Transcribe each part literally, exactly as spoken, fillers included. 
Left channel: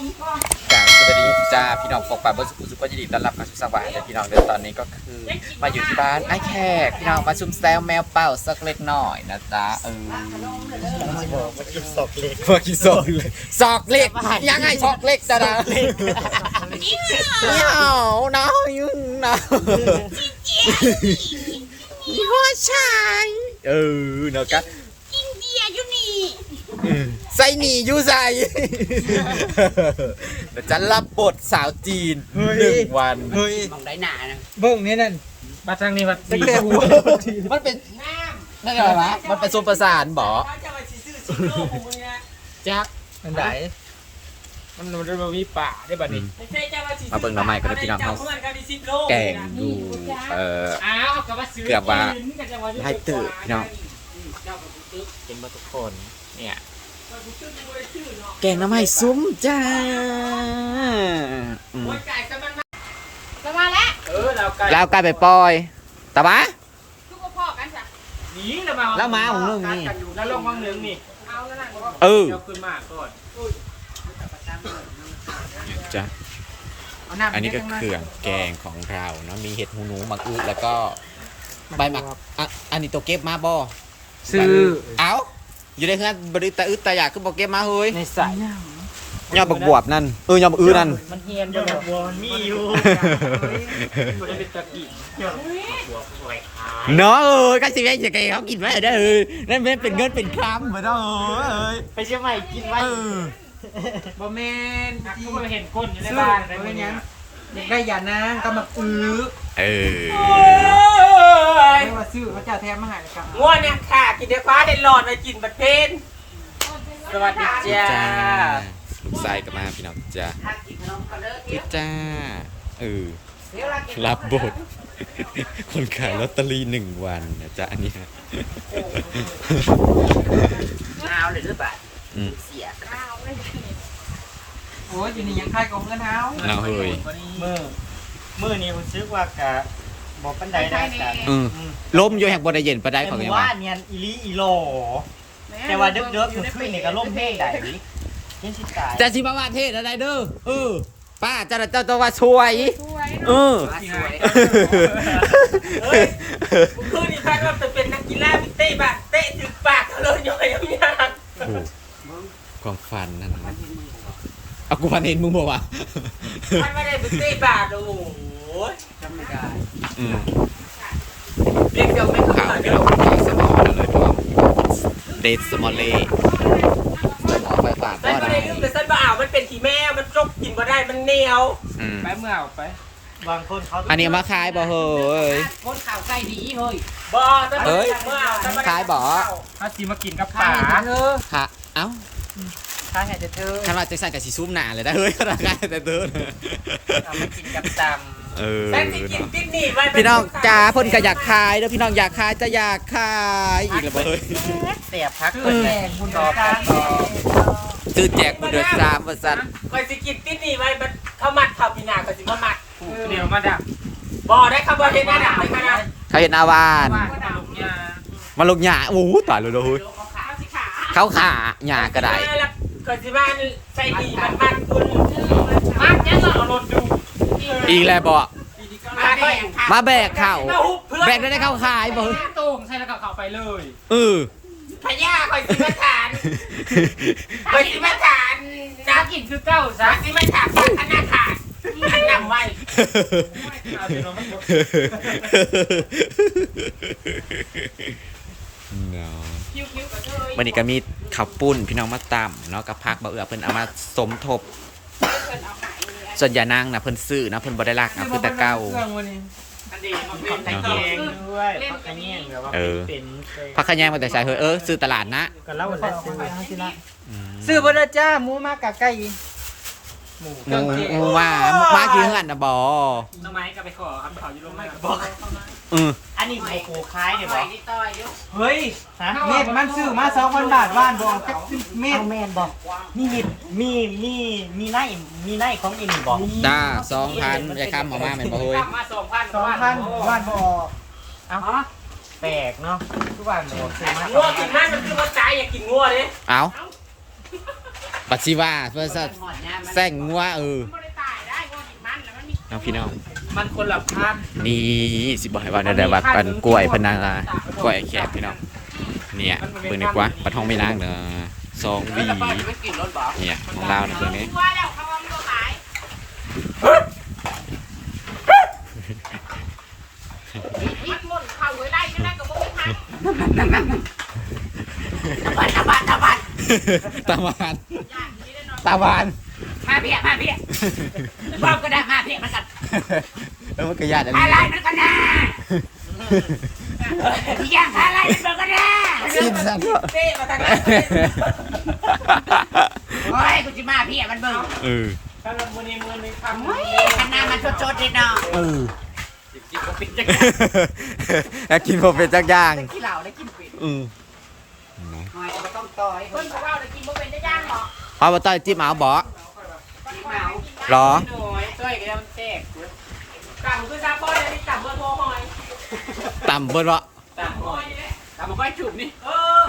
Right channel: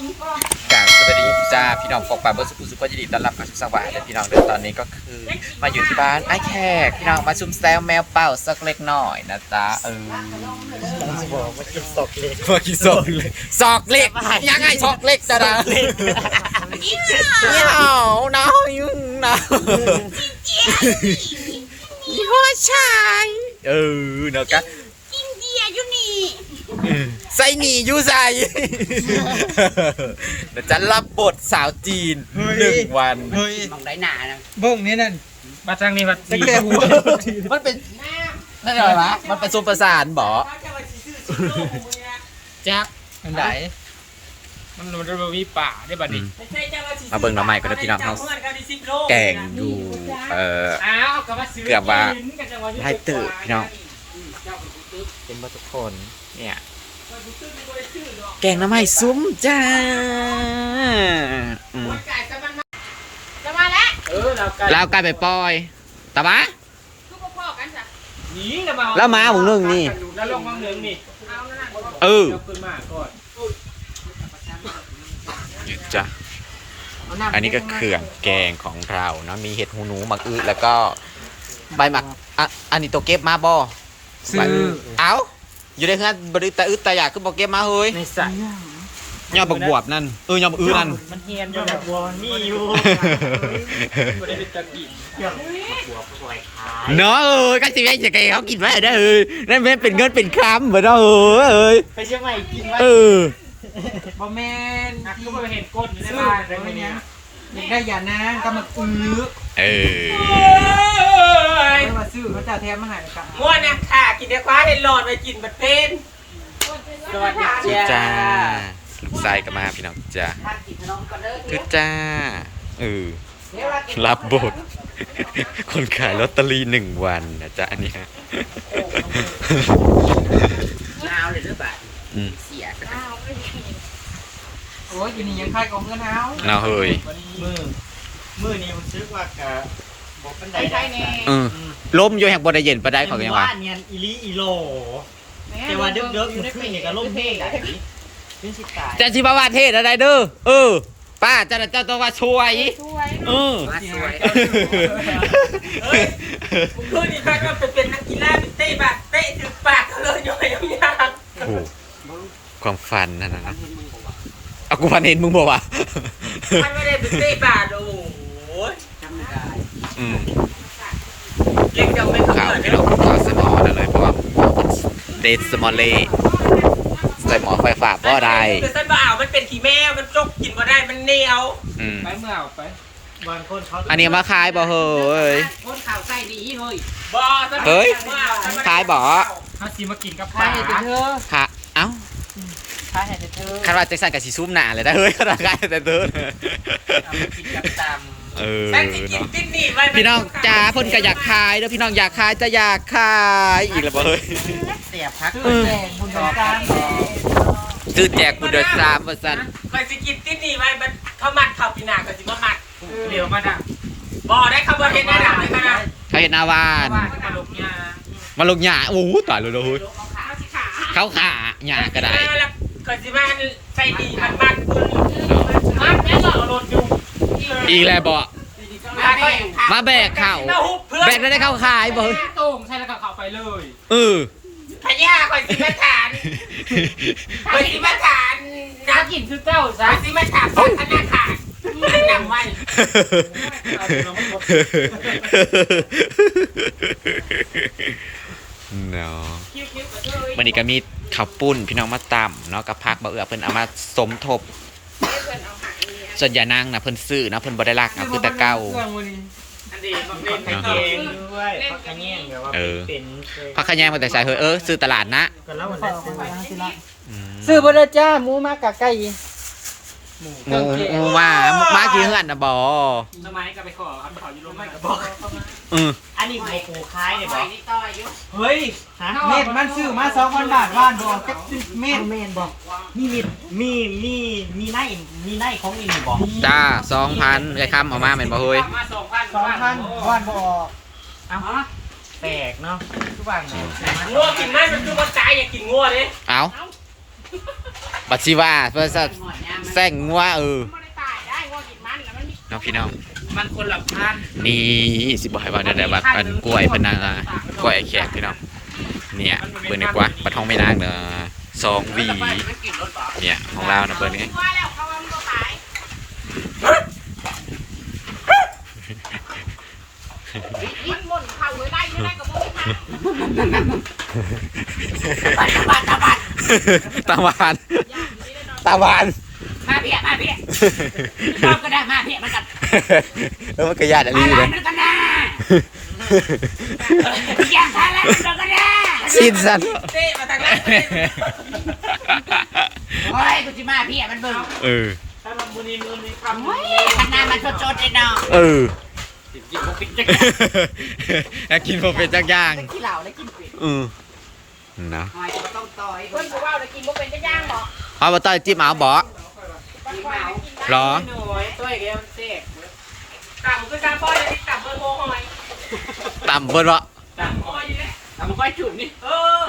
กราบสวัสดีจ้าพี่น้องปกป่าเบอร์สุขุสุขยินดีต้อนรับเข้าสู่สวรรค์และพี่น้องเดินตอนนี้ก็คือมาอยู่ที่บ้านไอ้แขกพี่น้องมาชุมแซวแมวเป่าสักเล็กหน่อยนะจ๊ะเออพอกี่ซอกเล็กซอกเล็กยังไงซอกเล็กจ้ะนะเหี้ยวหนาวยุ่งหนาวยี่ห้อชายเออเนาะกันอินเดียอยู่นี่ใส่หนีอยู่ใส่เดี๋ยวจะรับบทสาวจีนหนึ่งวันมองได้หนานะเบิ่งนี่นั่นมาทางนี้มาตะเกียบหัวมันเป็นนั่นอะไรวะมันเป็นซุปประสานบ่จับมันไหนมันมันจะมีป่าได้บัดนี้มาเบิ่งหน่อไม้ก็ได้พี่น้องเฮาแกงดูเอ่อเกือบว่าได้ตื่นพี่น้องเป็นมาทุกคนเนี่ยแกงหน่อไม้ซุ้มจ้าเรากลายไปปล่อยตาบ้าแล้วมาหมูนึ่งนี่แล้วลงมังเหลืองนี่เออขึ้นมาก่อนจ้ะอันนี้ก็เครื่องแกงของเราเนาะมีเห็ดหูหนูมักอื้อแล้วก็ใบหมักอ่ะอันนี้ตัวเก็บมาบ่ซื้อเอ้าอยู่ในเฮือนบริตาอึดตาอยากคือบ่เก็บมาเฮ้ยในสายยอดบักบวบนั่นเออยอดบักอื้อนั่นมันเฮียนยอดบักบวบมีอยู่บ่ได้เป็นตะกี้ยอดบักบวบสวยเนาะเอ้ยก็สิให้จะแกเขากินไว้ได้เออนั่นเป็นเงินเป็นคำบ่เนาะเอ้ยไปเชียงใหม่กินไว้เออบ่แม่นเขาบ่เห็นก้นอยู่ในบ้านได้มั้ยยังอยากได้ยานางก็มาอื้อเออไม่มาซื้อเขาจะแถมมาให้ค่ะง่วงเนี่ยค่ะกินเด็กฟ้าได้หลอดไปกินบัดเพนสวัสดีจ้าลูกชายก็มาพี่น้องจ้าคือจ้าเออรับบทคนขายลอตเตอรี่หนึ่งวันนะจ๊ะอันนี้ฮะหนาวเลยหรือเปล่าเสียโอ้ยอยู่นี่ยังคายกองเงินเท้าหนาวเฮ้ยมือมือนี่รู้สึกว่ากะบอกปันไดได้เออล้มอยู่แห่งบนไดเย็นปะได้ของยังว่าเนียนอีลีอีโลแต่ว่าเด็กเด็กมันขึ้นนี่ก็ล้มแห้งได้ยังสิตายจะสิบาวาเทศอะไรเด้อเออป้าจะจะตัวว่าช่วยเออคือนี่ถ้าเราเป็นนักกีฬาเป็นเตะปากเตะถึงปากเลยย่อยยากโอ้ความฝันนั่นนะเอากูฝันเห็นมึงบอกว่าไม่ได้เป็นเตะปากดูจำไม่ได้อืมเล็กเดียวไม่ข่าวพี่น้องข่าวสมอนั่นเลยเพราะว่าเดทสมอลเล่ใส่หมอไฟฟ้าก็ได้แต่สันบ่าวมันเป็นขี้แม่มันจกกินบ่ได้มันเหนียวไปเมื่อเอาไปบางคนเขาอันนี้มาขายบ่เฮ้ยคนข่าวใส่ดีเฮ้ยบ่เฮ้ยขายบ่ถ้าซีมากินกับปลาเธอค่ะเอ้าขายให้เธอคันว่าจะใส่กับสีซุ้มหนาเลยได้เฮ้ยก็ได้ขายแต่เธอเอาไปกินกับตำเออพี่น้องจ้าพ่นก็อยากขายแล้วพี่น้องอยากขายจะอยากขายอีกแล้วเฮ้ยเสียพักแกงบุญเดือดสามซื้อแจกบุญเดือดสามว่าสั่นคอยสิกินที่นี่ไหมมันข้าวมัดข้าวปีนาก็สิมามัดเดี๋ยวมาดับบ่ได้ข้าวมาเห็นดับได้ขนาดเขาเห็นอาวานมาลุกหญ้ามาลุกหญ้าโอ้ตายเลยเลยเขาขาหญ้าก็ได้คอยสิบ้านใส่ดีมันมัดคุณมัดเนี่ยก็เอารถดูอีแล้วบ่มาแบกเข่าแบกได้เข้าขายบ่โต่งใช่แล้วก็เข้าไปเลยเออพญาคอยสิมาทานคอยสิมาทานน้ำกินคือเจ้าจ้ะคอยสิมาถามธนาคารอันนำไว้เนาะวันนี้ก็มีข้าวปุ้นพี่น้องมาตำเนาะกับพักบ่เอื้อเพิ่นเอามาสมทบส่วนยานางนะเพิ่นซื้อนะเพิ่นบ่ได้รักอ่ะคือแต่เก่าเออพักขะแยงมาแต่ใส่เฮ้ยเออซื้อตลาดนะซื้อบ่ได้จ้าหมูมากะไก่หมูหมูมามากี่เฮือนน่ะบ่ทำไมก็ไปขอคำขออยู่ลงไม่ก็บอกเอออันนี้โคคายเนี่ยบ่เฮ้ยเม็ดมันซื้อมา สองพัน บาทว่านบ่จักเม็ดเม็ดบ่มีมีมีมีไนมีไนของนี่บ่จ้า สองพัน ไอ้คำออกมาแม่นบ่เฮ้ยสองพัน ว่านบ่ออกเอ้าแปลกเนาะทุกวันงัวกินมันมันคือว่าใจอยากกินงัวเด้เอ้าบปัสสิว่าเพื่อจะแซงงัวเออน้องพี่น้องมันคนละพันนี่สิบ่ให้ว่าได้บัดอันกล้วยเพนนังอ่ะกล้วยไอ้แขกพี่น้องเนี่ยเบิ่งดีกว่าบัดห้องไม่นางเด้อสองหวีเนี่ยของเรานะเบิ่งนี้ตาหวานตาหวานมาเพี้ยมาเพี้ยชอบก็ได้มาเพี้ยมันกันแล้วมันกระยาดอะไรอะไรเลยมันกันนะอย่างอะไรมันกันนะสิ้นสันเต้มาทางไหนโอ้ยกูจะมาเพี้ยมันเบิ่งเออถ้ามันมือนี้มือนี้ทำโอ้ยขนาดมันสดๆเลยเนาะเออกินพวกเป็ดจักแล้วกินพอเป็นจักย่างได้กินเหล้าได้กินเป็ดอือนะหอยก็ต้องต่อยเพิ่นบอกว่าได้กินพวกเป็ดจักย่างหรอเอาบะต้อยจิ้มเอาบ่กินเมาหรอหน่อยตัวเดียวมันเต๊กต่ำคือซาป้อยนี่ต่ำเบอร์โบหอยต่ำเบิดบ่ต่ำหอยนี่แหละต่ำก้อยจุ่มนี่เออ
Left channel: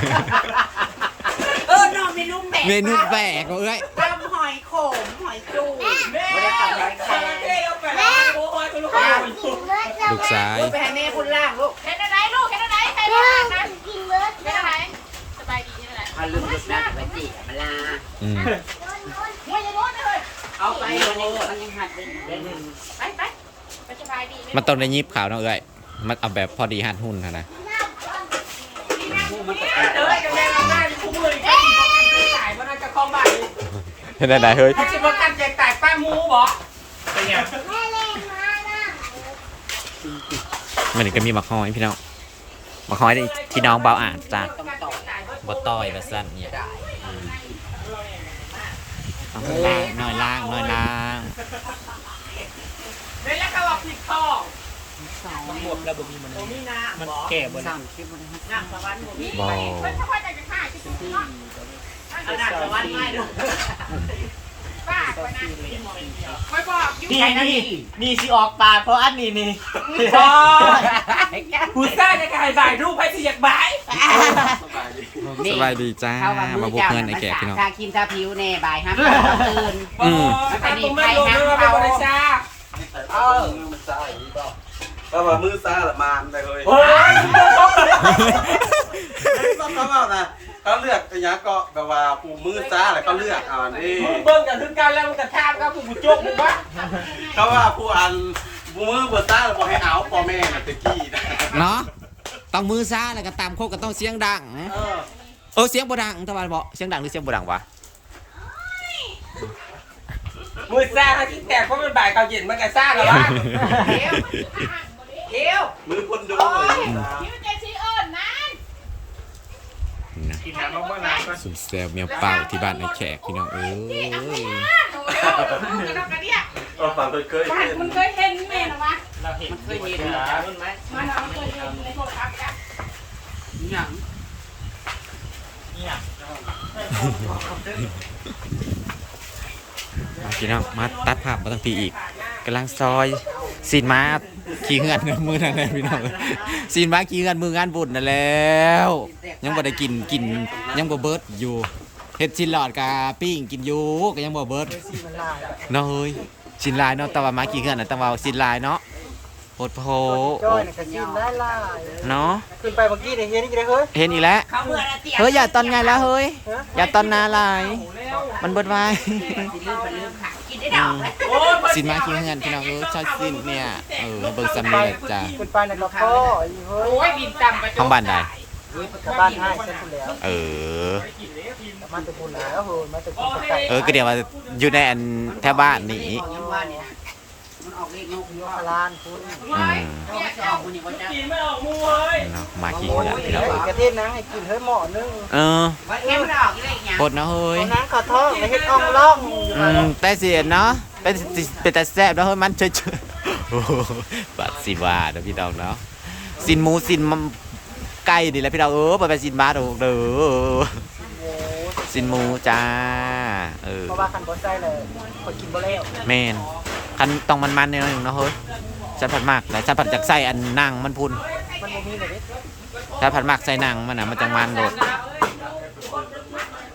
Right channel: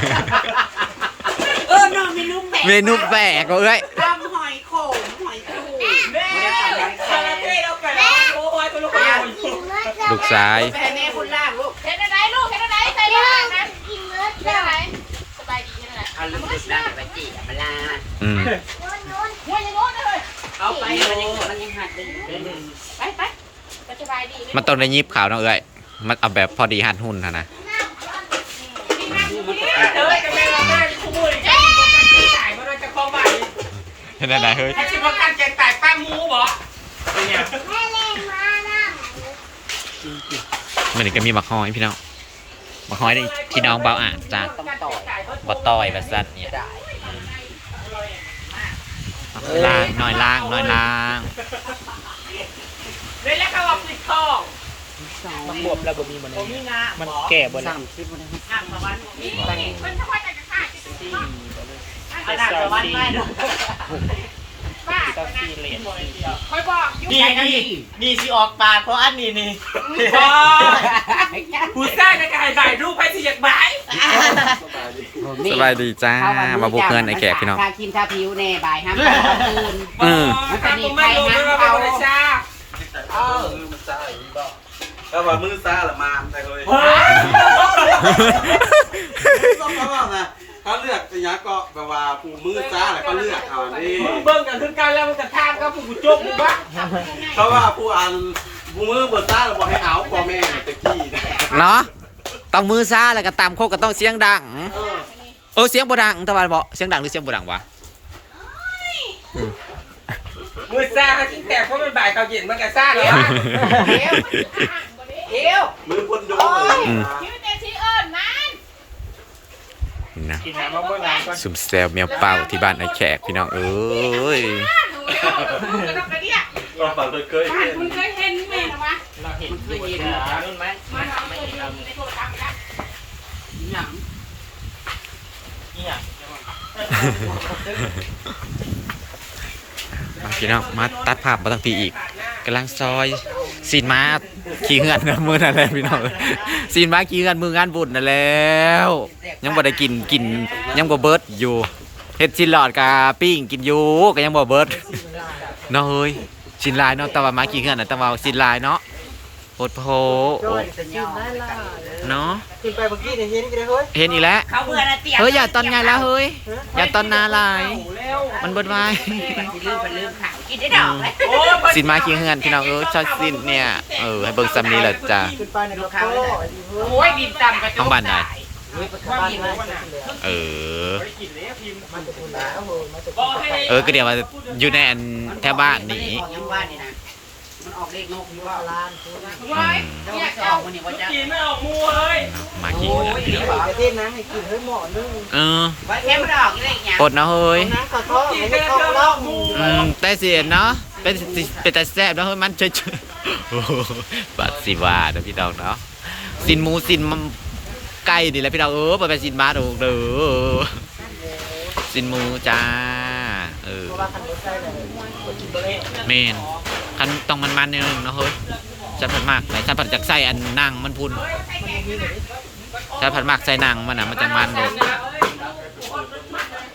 เออนอนเมนูแปลกเมนูแปลกเอ้ยตำหอยขมหอยจูบไม่ได้ตำหอยแครงเท่เราไปแล้วโอ้ยตัวลูกค้าลูกชายไปให้แม่คุณล่างลูกเห็นอะไรลูกเห็นอะไรใส่ลูกนะกินเบิร์ดเห็นอะไรสบายดีใช่ไหมเอาลืมลูกนะแต่ไปจีบมาลาอืมเอาไปมันยังมันยังหัดดึงไปไปสบายดีมันต้องได้ยิบขาวเนาะเอ้ยมันเอาแบบพอดีหัดหุ่นนะนะเอ้ยจะแม่เราได้คู่มือแค่กินประกันเกงตายเพราะเราจะคล้องบ่ายเห็นไหนเฮ้ยแค่กินประกันเกงตายตั้งมูบ่เป็นยังมันนี่ก็มีบักฮอยพี่น้องบักฮอยนี่ที่น้องเบาอ่านจ้ะบ่ต้อยแบบสั้นเนี่ยอืมเอาไปล่างหน่อยล่างหน่อยล่างเดี๋ยวแล้วเขาบอกผิดข้อมันบวมแล้วบ่มีมันผมมีนะมันแก่บ่นะน้ำตะวันผมมีบ่มันจะมาจากข้าที่ตีน้ำตะวันไม่ดูต้องซีเลนคอยบอกนี่นี่นี่สิออกปากเพราะอันนี้นี่กูสร้างในการถ่ายรูปไปสิอยากบ่ายสบายดีจ้ามาบุกเพื่อนไอ้แขกพี่น้องทาครีมทาผิวแน่บ่ายห้ามเขาเขาตื่นอืมมันจะมีไฟห้ามเขาเออถ้าว่ามือซ่าละมานไปเลยเฮ้ยต้องเขาว่านะเขาเลือกอย่างก็แบบว่าปูมือซ่าอะไรเขาเลือกเอาอันนี้มึงเบิ่งกันถึงกันแล้วมึงกระทามครับผู้จุกมึงวะเขาว่าผู้อันปูมือเบอร์ซ่าเราบอกให้เอาพ่อแม่น่ะตะกี้นะเนาะต้องมือซ่าแล้วก็ตามโคกก็ต้องเสียงดังเออเออเสียงบ่ดังตะวันบอกเสียงดังหรือเสียงบ่ดังวะมือซ่าเขาที่แตกเพราะมันบ่ายเขาเย็นมันกระซ่าแล้วเดี๋ยวมือคนดูเลยอืมคิวเจซีเอิญมันนะกินน้ำมะม่วงน้ำก่อนซุ่มแซวเมียวเป่าที่บ้านไอ้แขกพี่น้องเอ้ยก็ฝันเคยเคยบ้านคุณเคยเห็นแม่หรอวะเราเห็นมันเคยเห็นขานุ่นไหมมันเอาเคยเห็นในโทรศัพท์กันอย่างเนี่ยมาพี่น้องมาตัดภาพมาตั้งปีอีกกำลังซอยซีนมาขี่เฮือนนะมือนั่นแหละพี่น้องซีนมาขี่เฮือนมืองานบุญนั่นแล้ว ยังบ่ได้กินกินยังบ่เบิดอยู่เฮ็ดชิ้นหลอดกะปิ้งกินอยู่ก็ยังบ่เบิดเนาะเฮ้ยชิ้นลายเนาะแต่ว่ามาขี่เฮือนน่ะแต่ว่าชิ้นลายเนาะโหดโผโอ้เนาะขึ้นไปเมื่อกี้เนี่ยเห็นอีกแล้วเฮ้ยเห็นอีกแล้วเขาเบื่อนะเตี้ยเฮ้ยอย่าตอนไงแล้วเฮ้ยอย่าตอนนาลายมันเบิดไว้กินได้ดอกสินมาขี่เฮือนพี่น้องเออชอบสินเนี่ยเออให้เบิ่งซ้ำนี้แหละจ้ะขึ้นไปเนี่ยก็พ่ออยู่เฮ้ยโอ้ยดินต่ำกระห้องบ้านใดกับบ้านง่ายเสร็จแล้วเออมาตะกุนแล้วเฮ้ยมาตะกุก็นให้เออก็เดี๋ยวว่าอยู่ในอันแถวบ้านนี่ยังบ้านนี่นะมันออกเลขนกอยู่พลานคุณอืมเจ้าไม่เอาคนนี้ว่าจะกินไม่ออกมูเฮ้ยเนาะมาขี่เฮือนพี่น้องกระเทศนังให้กินเฮ้ยหม้อนึงเออว่าเอ็มดอกเลขเนี่ยปดเนาะเฮ้ยนังขอท้องไม่ให้ท้องร่องอืมแต่เสียเนาะเป็นสิเป็นแต่แซ่บเนาะเฮ้ยมันเฉยๆโอ้โหบาดสิว่าเด้อพี่น้องเนาะสินหมูสินมันไก่นี่แหละพี่น้องเออบ่เป็นสินหมาดอกเด้อสินหมูจ้าเออเพราะว่าคันบดใส่เลยคนกินบ่แล้วแม่นคันต้องมันๆเนี่ยเนาะเฮ้ยฉันผัดมากแต่ฉันผัดจากใส่อันนั่งมันพุ่นมันบ่มีเลยดิฉันผัดมากใส่นั่งมันน่ะมันจังมันโดด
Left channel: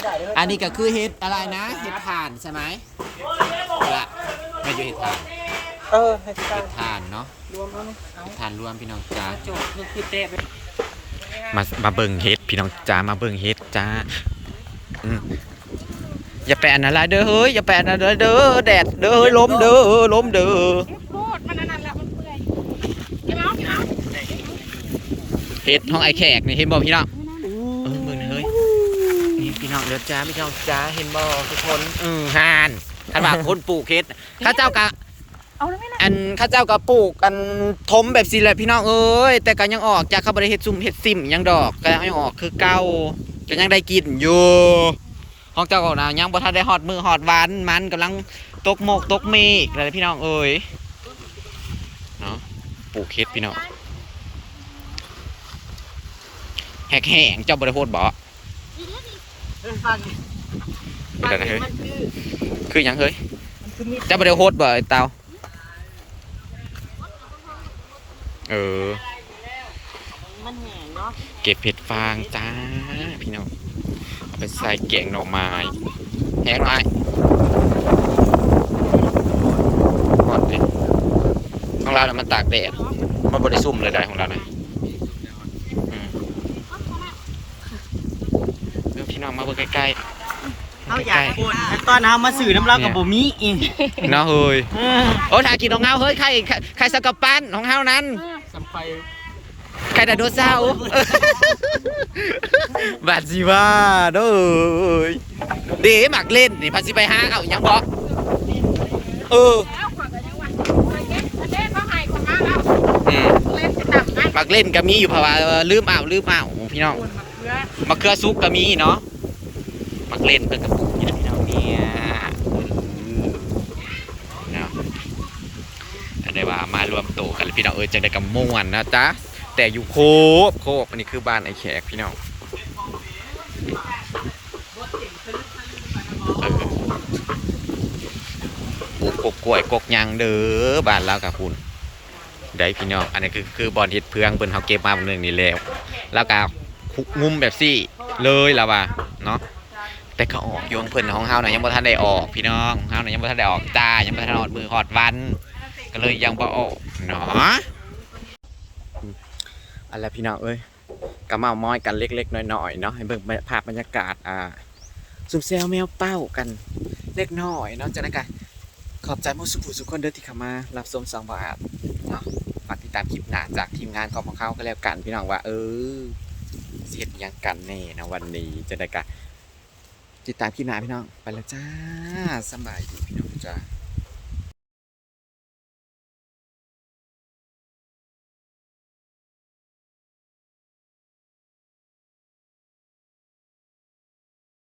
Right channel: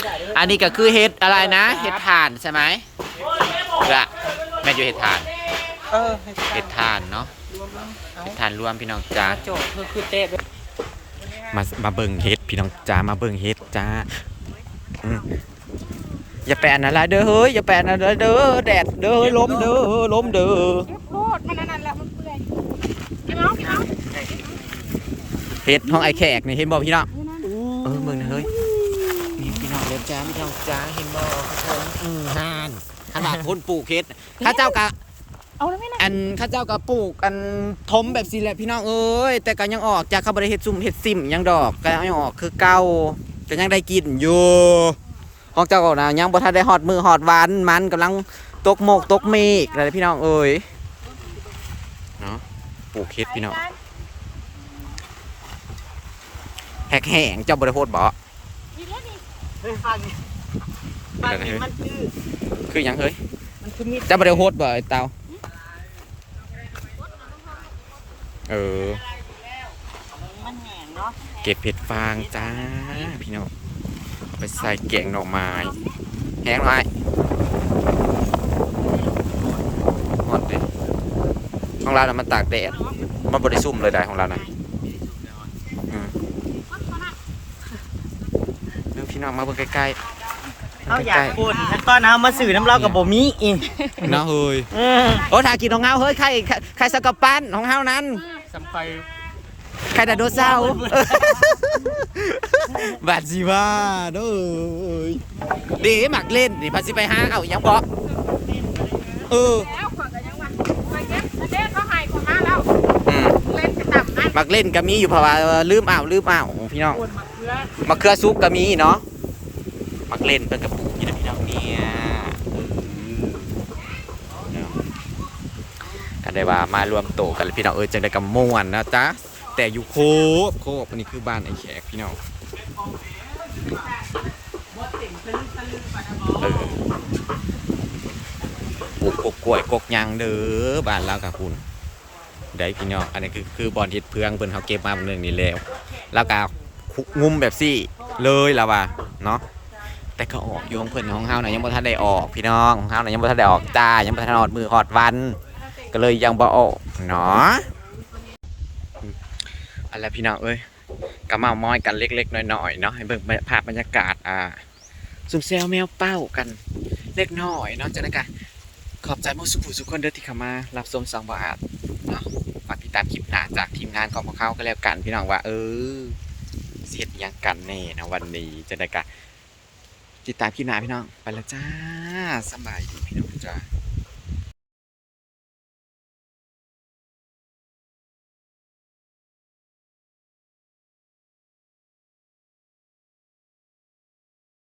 อันนี้ก็คือเห็ดอะไรนะเห็ดถ่านใช่ไหมละแม่นอยู่เห็ดถ่านเออเห็ดถ่านเนาะเห็ดถ่านรวมพี่น้องจ้าโจกคือคือเตะไปมามาเบิ่งเฮ็ดพี่น้องจ้ามาเบิ่งเฮ็ดจ้าอืมอย่าแปะนะละเด้อเฮ้ยอย่าแปะนะเด้อเด้อแดดเด้อเฮ้ยล้มเด้อล้มเด้อพูดมันนั่นแหละมันเปื่อยเก็บเอาเก็บเอาเฮ็ดห้องไอแขกนี่เห็นบ่พี่น้องเออมึงเฮ้ยนี่พี่น้องเด้อจ้าพี่น้องจ้าเห็นบ่ทุกคนอือห่านคันว่าคนปลูกเฮ็ดข้าเจ้ากะเอาแล้วไม่นะอันข้าเจ้าก็ปลูกอันทมแบบสิแหละพี่น้องเอ้ยแต่ก็ยังออกจากเขาบ่ได้เฮ็ดซุ่มเฮ็ดซิมยังดอกก็ยังออกคือเก่าก็ยังได้กินอยู่ห้องเจ้าก็นะยังบ่ทันได้ฮอดมือฮอดวันมันกำลังตกโมกตกเมฆอะไรพี่น้องเอ้ยเนาะปลูกเฮ็ดพี่น้องแหกแห้งเจ้าบ่ได้โพดบ่เออฟังเป็นอะไรเฮ้ยมันคือคือหยังเฮ้ยมันคือมีดเจ้าบ่ได้โพดบ่ไอ้เตาเออมันแห้งเนาะเก็บเห็ดฟางจ้าพี่น้องเอาไปใส่แกงหน่อไม้แห้งหน่อยหอดดิของเราน่ะมันตากแดดมันบริสุ่มเลยได้ของเราน่ะอืมเรื่องพี่น้องมาเบิ่งใกล้ๆเขามาอยาใกกล้บ่นตอนเฮามาสื่อน้ำเรากับบ่มีอีกๆเนาะเฮ้ยเออโอ้ถ่ายกินของเฮาเฮ้ยไข่ไข่ไข่สกัดปั้นของเฮานั้นสำไฟไข่ไดโนเสาร์บาดสิว่าเด้อเด้หมักเล่นนี่พันสิไปหาเอายังบ่เออแล้วขวดกันยังวันไปเก็บเล่นเขาหายคนมาแล้วอืมเล่นจะต่ำไหมหมักเล่นก็มีอยู่เพราะว่าลืมเอาลืมเอาพี่น้องมะเขือซุกก็มีเนาะหมักเล่นเพิ่นกระปุกนี่นะพี่น้องเนี่ยอืมเนาะอันใดว่ามารวมโตกันเลยพี่น้องเออจังได้กับม่วนนะจ๊ะแต่อยู่โคบโคบอันนี้คือบ้านไอ้แขกพี่น้องเออปลูกกกกล้วยกกยางเด้อบ้านเรากับคุณได้พี่น้องอันนี้คือคือบอลเฮ็ดเพืองเพิ่นเฮาเก็บมาบางเรื่องนี้แล้วแล้วก็งุมแบบซี่เลยแล้วว่าเนาะแต่ก็ออกอยู่ของเพิ่นของเฮาน่ะยังบ่ทันได้ออกพี่น้องของเฮาน่ะยังบ่ทันได้ออกจ้ายังบ่ทันฮอดมือฮอดวันก็เลยยังบ่ออกเนาะอืมอันแล้วพี่น้องเอ้ยก็เมามอยกันเล็กๆน้อยๆเนาะให้เบิ่งภาพบรรยากาศอ่าซุ่มแซวแมวเป้ากันเล็กน้อยเนาะจังได๋ก็ขอบใจหมู่สุผู้สุคนเด้อที่เข้ามารับชมสองบาทเนาะฝากติดตามคลิปหน้าจากทีมงานของพวกเขาก็แล้วกันพี่น้องว่าเออเฮ็ดหยังกันแน่นะวันนี้จังได๋ก็ติดตามคลิปหน้าพี่น้องไปแล้วจ้าสำบายดีพี่น้องจ้า